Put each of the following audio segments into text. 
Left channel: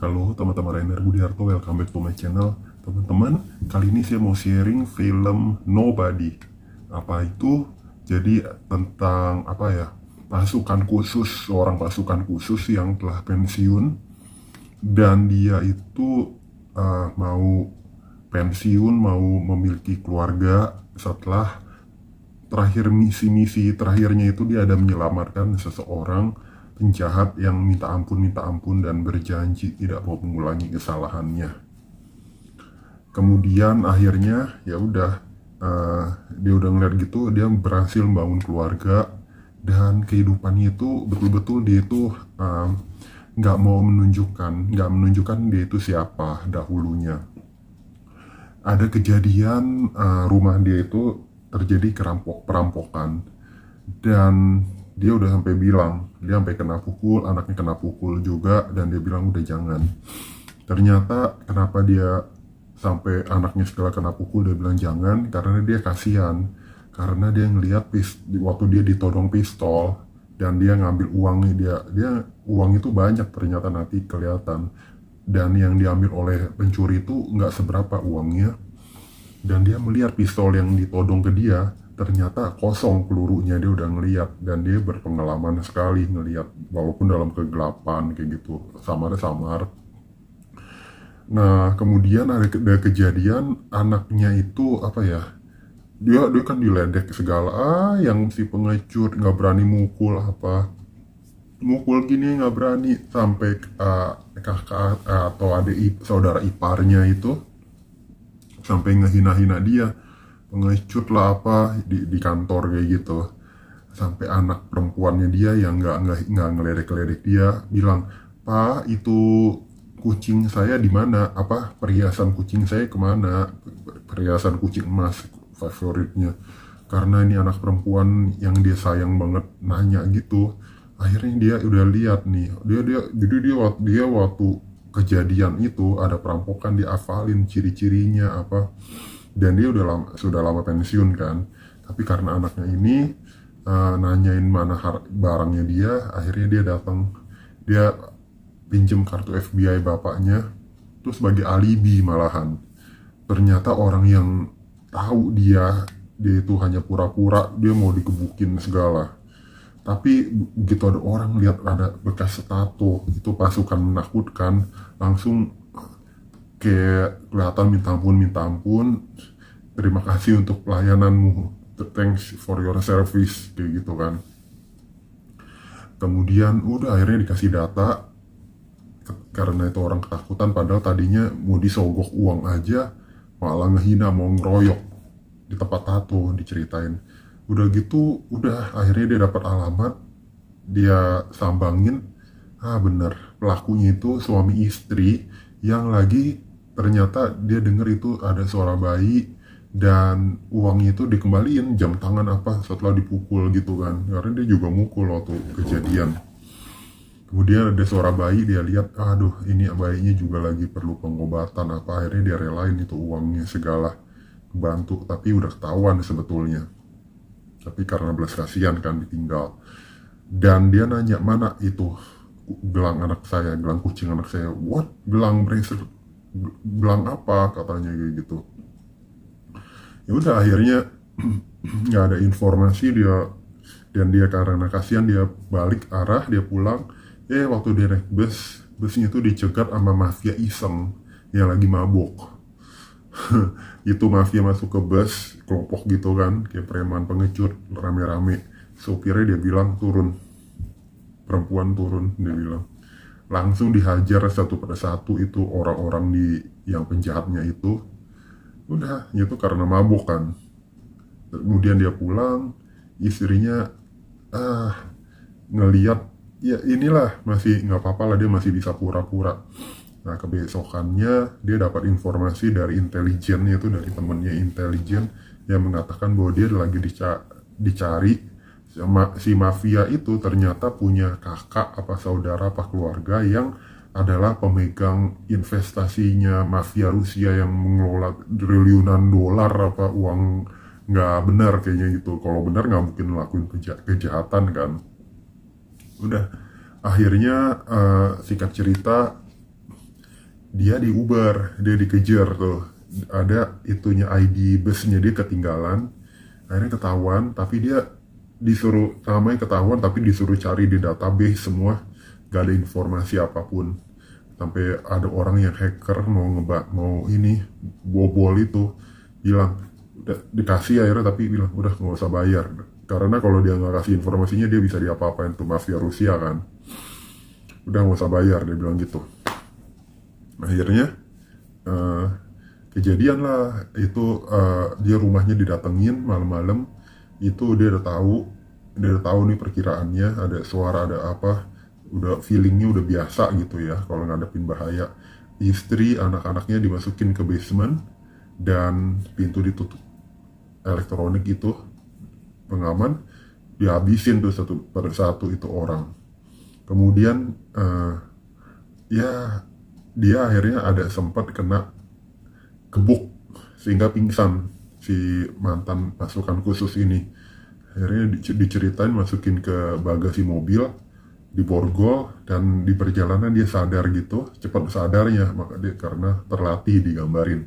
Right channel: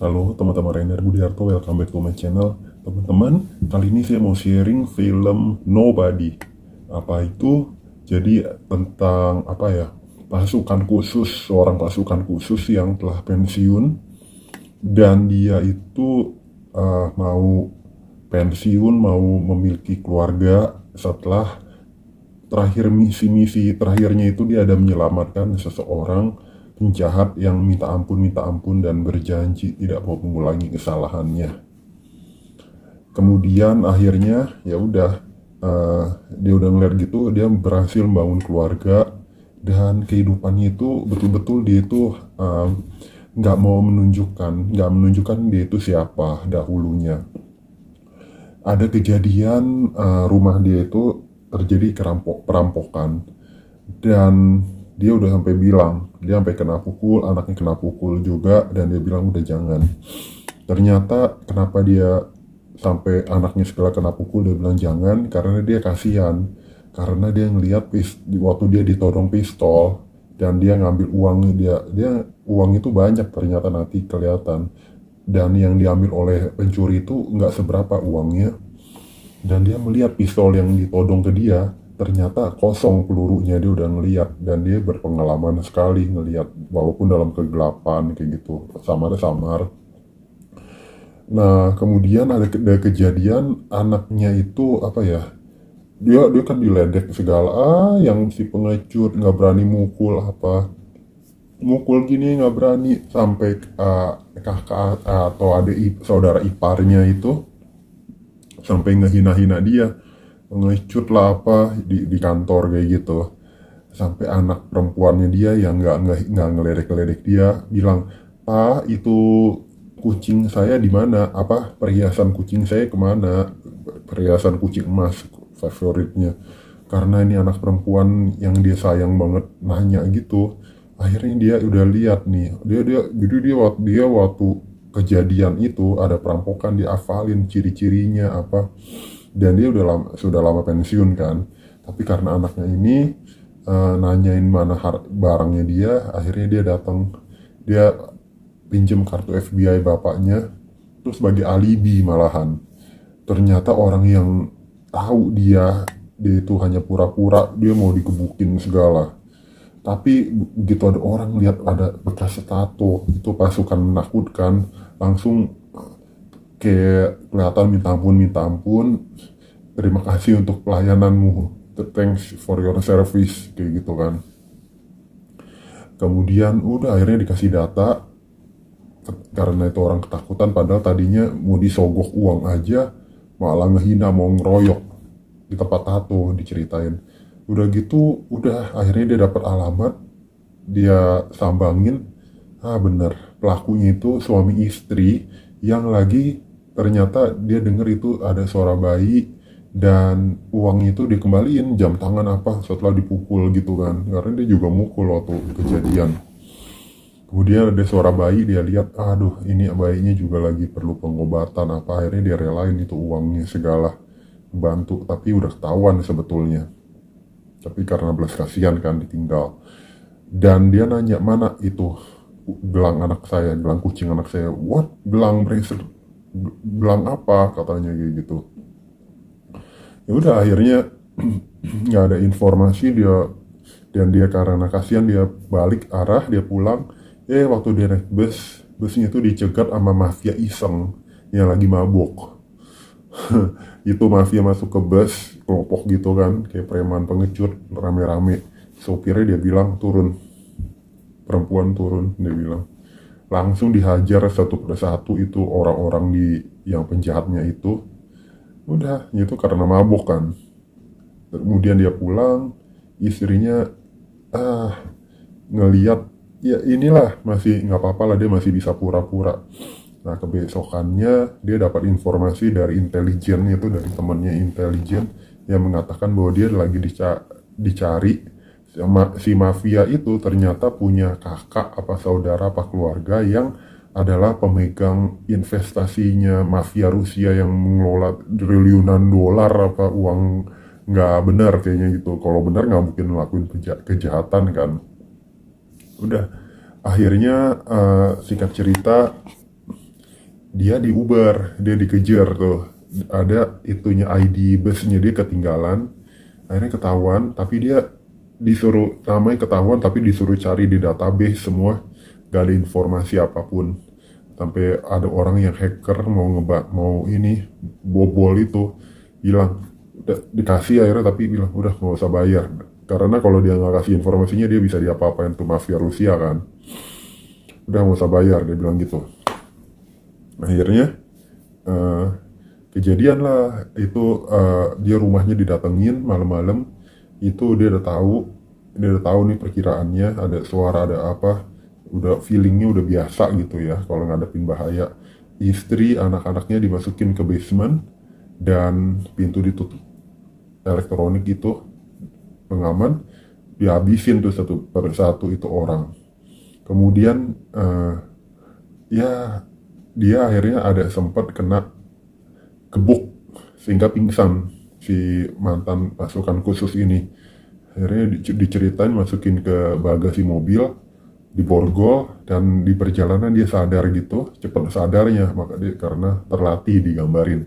Halo teman-teman, Rainer Budiarto, welcome back to my channel. Teman-teman, kali ini saya mau sharing film Nobody. Apa itu? Jadi tentang pasukan khusus, seorang pasukan khusus yang telah pensiun. Dan dia itu mau pensiun, mau memiliki keluarga setelah terakhir misi terakhirnya itu dia ada menyelamatkan seseorang penjahat yang minta ampun dan berjanji tidak mau mengulangi kesalahannya. Kemudian akhirnya ya udah dia udah ngeliat gitu, dia berhasil membangun keluarga dan kehidupannya itu betul-betul dia itu nggak menunjukkan dia itu siapa dahulunya. Ada kejadian rumah dia itu terjadi perampokan dan dia udah sampai bilang, dia sampai kena pukul, anaknya kena pukul juga, dan dia bilang udah jangan. Ternyata kenapa dia sampai anaknya segala kena pukul, dia bilang jangan, karena dia kasihan. Karena dia ngelihat waktu dia ditodong pistol, dan dia ngambil uangnya, dia uang itu banyak ternyata nanti kelihatan. Dan yang diambil oleh pencuri itu nggak seberapa uangnya. Dan dia melihat pistol yang ditodong ke dia, ternyata kosong pelurunya. Dia udah ngeliat dan dia berpengalaman sekali ngeliat walaupun dalam kegelapan kayak gitu, samar. Nah kemudian ada kejadian anaknya itu dia kan diledek segala, yang si pengecut nggak berani mukul gini, nggak berani sampai kakak atau adik saudara iparnya itu sampai ngehina-hina dia, pengecut lah di kantor kayak gitu. Sampai anak perempuannya dia yang nggak ngeledek dia bilang, "Pak, itu kucing saya di mana? Perhiasan kucing saya kemana? Perhiasan kucing emas favoritnya." Karena ini anak perempuan yang dia sayang banget nanya gitu. Akhirnya dia udah lihat nih, dia waktu kejadian itu ada perampokan, dia hafalin ciri-cirinya dan dia sudah lama pensiun kan. Tapi karena anaknya ini nanyain mana barangnya dia, akhirnya dia datang, dia pinjem kartu FBI bapaknya, terus sebagai alibi malahan. Ternyata orang yang tahu dia itu hanya pura-pura, dia mau digebukin segala. Tapi begitu ada orang lihat ada bekas tato, itu pasukan menakutkan, langsung kayak kelihatan minta ampun, terima kasih untuk pelayananmu, thanks for your service, kayak gitu kan. Kemudian udah akhirnya dikasih data, karena itu orang ketakutan, padahal tadinya mau disogok uang aja malah ngehina, mau ngeroyok di tempat tato, diceritain. Udah gitu, akhirnya dia dapat alamat, dia sambangin, bener, pelakunya itu suami istri yang lagi, ternyata dia denger itu ada suara bayi dan uangnya itu dikembaliin jam tangan setelah dipukul gitu kan, karena dia juga mukul waktu kejadian. Kemudian ada suara bayi, dia lihat, aduh ini bayinya juga lagi perlu pengobatan akhirnya dia relain itu uangnya segala, bantu, tapi udah ketahuan sebetulnya. Tapi karena belas kasihan kan ditinggal. Dan dia nanya, mana itu gelang anak saya, gelang kucing anak saya. What? Gelang bracelet? Gelang apa? Katanya gitu. Ya udah akhirnya nggak ada informasi dia, dan dia karena kasihan dia balik arah, dia pulang. Waktu dia naik busnya itu dicegat sama mafia iseng yang lagi mabuk. Itu mafia masuk ke bus, kelompok gitu kan, kayak preman pengecut, rame-rame. Sopirnya dia bilang turun, perempuan turun, dia bilang. Langsung dihajar satu persatu itu orang-orang yang penjahatnya itu. Udah, itu karena mabuk kan. Kemudian dia pulang, istrinya ngeliat, ya inilah masih nggak apa-apa lah, dia masih bisa pura-pura. Nah kebesokannya dia dapat informasi dari intelijen, itu dari temannya intelijen yang mengatakan bahwa dia lagi dicari sama si mafia itu, ternyata punya kakak saudara keluarga yang adalah pemegang investasinya mafia Rusia yang mengelola triliunan dolar uang nggak benar kayaknya gitu. Kalau benar nggak mungkin ngelakuin kejahatan kan. Udah akhirnya singkat cerita dia di Uber, dia dikejar tuh, ada itunya ID busnya dia ketinggalan, akhirnya ketahuan, tapi dia disuruh, namanya ketahuan tapi disuruh cari di database semua, gak ada informasi apapun, sampai ada orang yang hacker mau ini bobol itu, bilang udah dikasih akhirnya, tapi bilang udah nggak usah bayar, karena kalau dia nggak kasih informasinya dia bisa diapa-apain tuh mafia Rusia kan, udah nggak usah bayar, dia bilang gitu. Akhirnya eh, kejadian lah itu, dia rumahnya didatengin malam-malam, itu dia udah tahu nih perkiraannya, ada suara ada apa, udah feelingnya udah biasa gitu ya kalau ngadepin bahaya. Istri anak-anaknya dimasukin ke basement dan pintu ditutup, elektronik itu pengaman dihabisin tuh satu persatu itu orang. Kemudian ya dia akhirnya ada sempat kena kebok sehingga pingsan si mantan pasukan khusus ini. Akhirnya diceritain masukin ke bagasi mobil, diborgol, dan di perjalanan dia sadar gitu, cepat sadarnya, maka dia karena terlatih digambarin.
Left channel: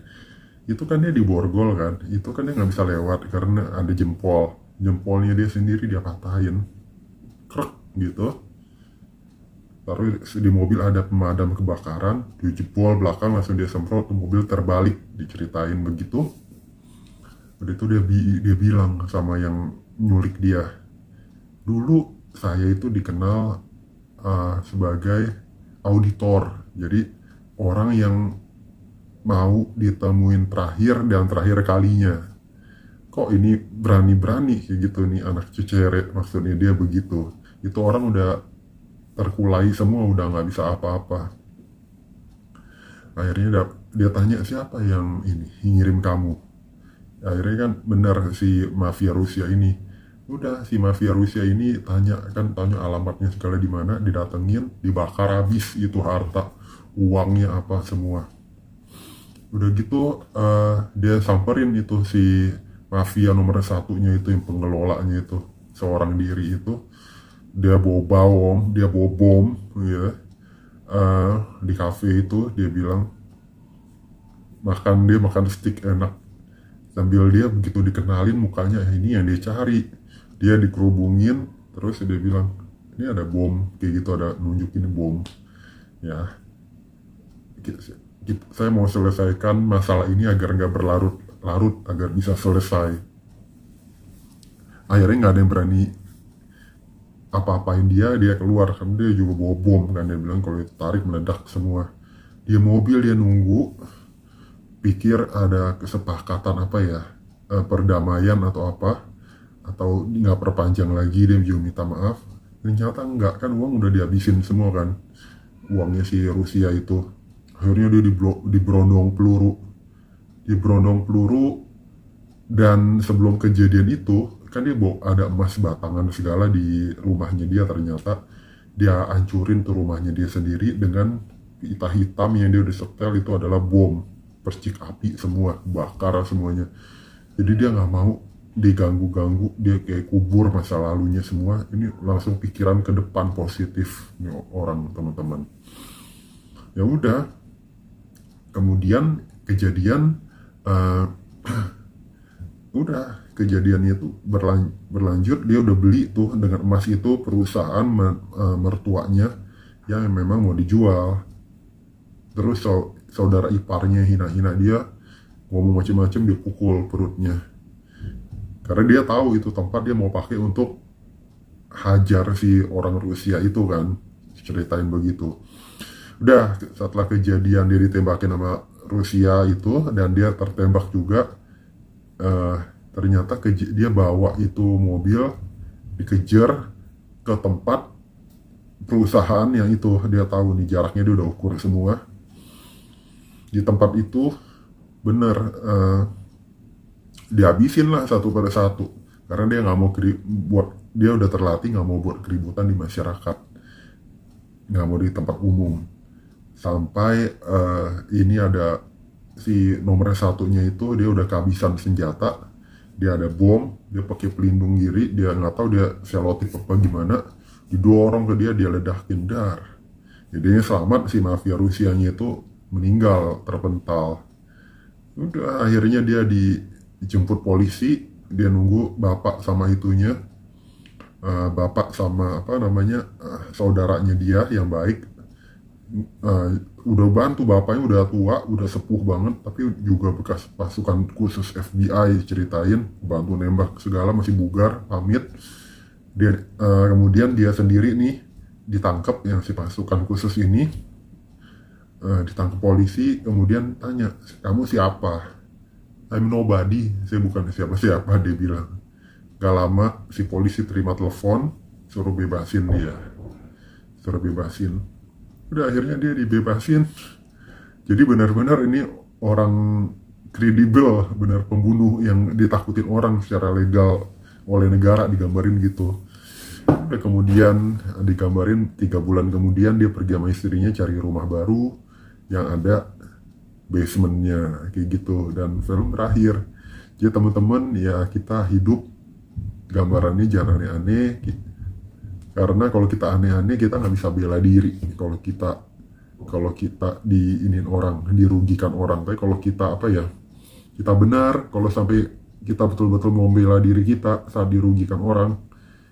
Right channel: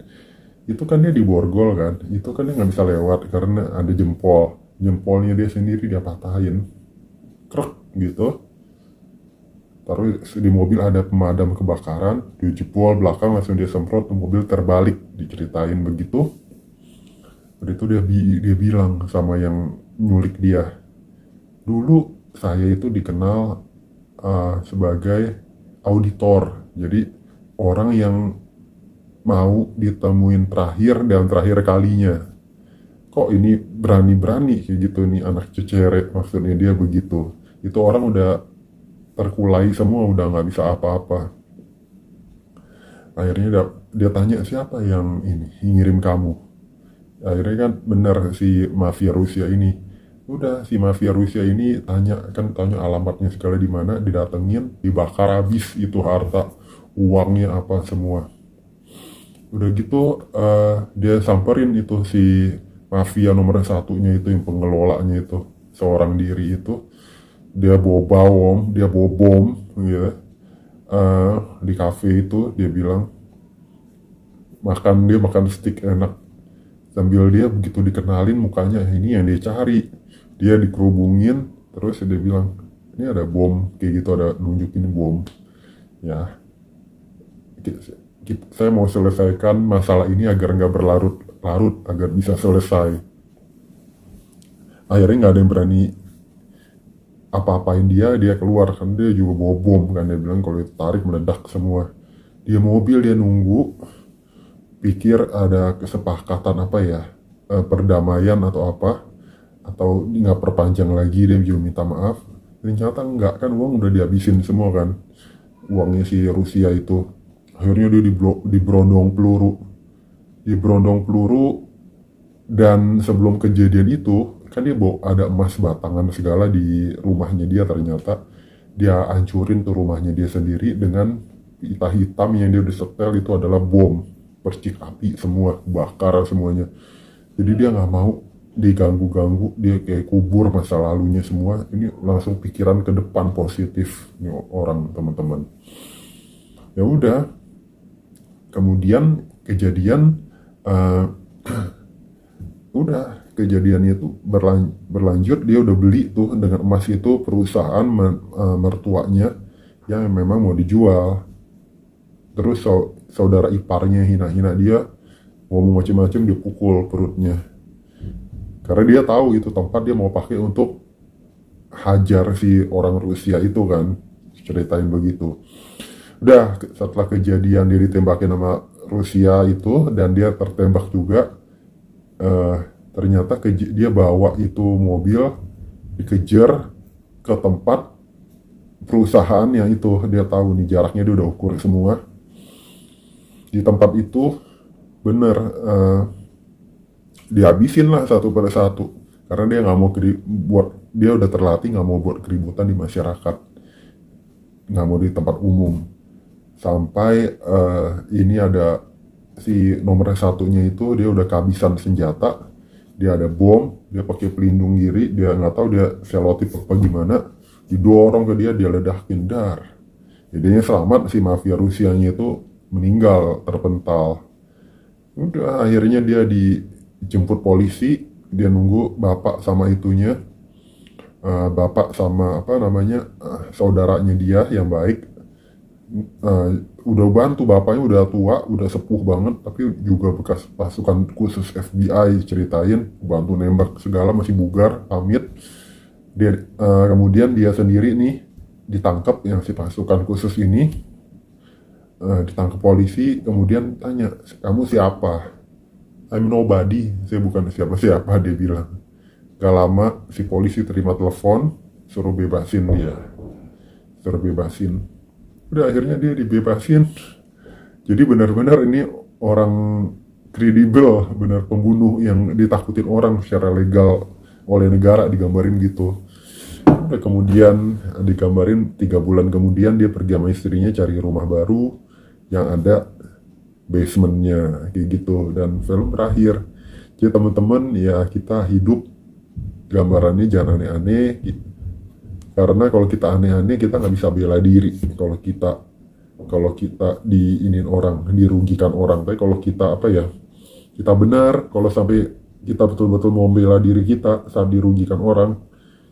Itu kan dia diborgol kan, itu kan dia nggak bisa lewat karena ada jempolnya dia sendiri dia patahin, krek gitu. Taruh di mobil ada pemadam kebakaran, dia jebol belakang langsung dia semprot, mobil terbalik, diceritain begitu. Udah itu dia bilang sama yang nyulik dia, dulu saya itu dikenal sebagai auditor, jadi orang yang mau ditemuin terakhir dan terakhir kalinya. Kok ini berani-berani kayak gitu nih anak cecere, maksudnya dia begitu. Itu orang udah terkulai semua, udah nggak bisa apa-apa. Akhirnya dia tanya siapa yang ini ngirim kamu. Akhirnya kan benar si mafia Rusia ini. Udah si mafia Rusia ini tanya alamatnya segala di mana, didatengin, dibakar habis itu harta, uangnya apa semua. Udah gitu dia samperin itu si mafia nomor satunya itu, yang pengelolanya itu seorang diri itu, dia bawa bom ya, di cafe itu. Dia bilang dia makan steak enak, sambil dia begitu dikenalin mukanya, ini yang dia cari, dia dikerubungin, terus dia bilang ini ada bom kayak gitu, ada nunjukin bom ya, saya mau selesaikan masalah ini agar nggak berlarut-larut, agar bisa selesai. Akhirnya nggak ada yang berani apa-apain dia keluar kan, dia juga bawa bom kan, dia bilang kalau ditarik meledak semua. Dia mobil, dia nunggu, pikir ada kesepakatan apa ya, perdamaian atau apa, atau nggak perpanjang lagi, dia juga minta maaf. Ternyata enggak kan, uang udah dihabisin semua kan, uangnya si Rusia itu. Akhirnya dia diberondong peluru, dan sebelum kejadian itu kan dia bawa ada emas batangan segala di rumahnya dia, ternyata dia hancurin tuh rumahnya dia sendiri dengan pita hitam yang dia udah setel itu adalah bom, percik api semua, bakar semuanya. Jadi dia nggak mau diganggu-ganggu, dia kayak kubur masa lalunya semua, ini langsung pikiran ke depan positif nih orang, teman-teman. Ya udah, kemudian kejadian udah kejadiannya tuh berlanjut, dia udah beli tuh dengan emas itu perusahaan mertuanya yang memang mau dijual. Terus saudara iparnya hina-hina dia, ngomong macam-macam, dia pukul perutnya karena dia tahu itu tempat dia mau pakai untuk hajar si orang Rusia itu kan, ceritain begitu. Udah, setelah kejadian dia ditembakin sama Rusia itu dan dia tertembak juga, ternyata dia bawa itu mobil, dikejar ke tempat perusahaan yang itu, dia tahu nih jaraknya, dia udah ukur semua. Di tempat itu bener dihabisin lah satu per satu, karena dia nggak mau dia udah terlatih nggak mau buat keributan di masyarakat, nggak mau di tempat umum. Sampai ini ada si nomor satunya itu, dia udah kehabisan senjata, dia ada bom, dia pakai pelindung diri, dia nggak tahu dia selotip apa gimana, didorong ke dia ledakin dar. Jadinya selamat si mafia Rusianya itu, meninggal terpental. Udah akhirnya dia dijemput polisi, dia nunggu bapak sama itunya, bapak sama apa namanya, saudaranya dia yang baik. Udah bantu, bapaknya udah tua, udah sepuh banget, tapi juga bekas pasukan khusus FBI, ceritain bantu nembak segala, masih bugar, pamit. Dia kemudian dia sendiri nih ditangkap, yang si pasukan khusus ini ditangkap polisi, kemudian tanya, kamu siapa? I'm nobody, saya bukan siapa-siapa, dia bilang. Gak lama si polisi terima telepon, suruh bebasin dia, suruh bebasin. Udah akhirnya dia dibebasin. Jadi benar-benar ini orang kredibel, benar pembunuh yang ditakutin orang secara legal oleh negara, digambarin gitu. Udah kemudian digambarin 3 bulan kemudian dia pergi sama istrinya cari rumah baru yang ada basementnya kayak gitu, dan film berakhir. Jadi teman-teman ya, kita hidup gambarannya jangan aneh-aneh, karena kalau kita aneh-aneh kita nggak bisa bela diri. Kalau kita diinin orang, dirugikan orang. Tapi kalau kita apa ya, kita benar, kalau sampai kita betul-betul mau bela diri kita saat dirugikan orang,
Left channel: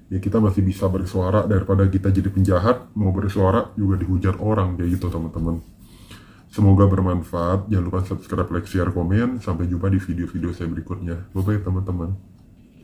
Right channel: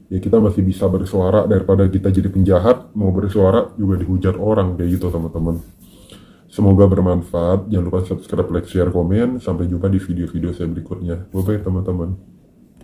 ya kita masih bisa bersuara daripada kita jadi penjahat, mau bersuara juga dihujat orang kayak gitu teman-teman. Semoga bermanfaat. Jangan lupa subscribe, like, share, komen. Sampai jumpa di video-video saya berikutnya. Bye-bye teman-teman.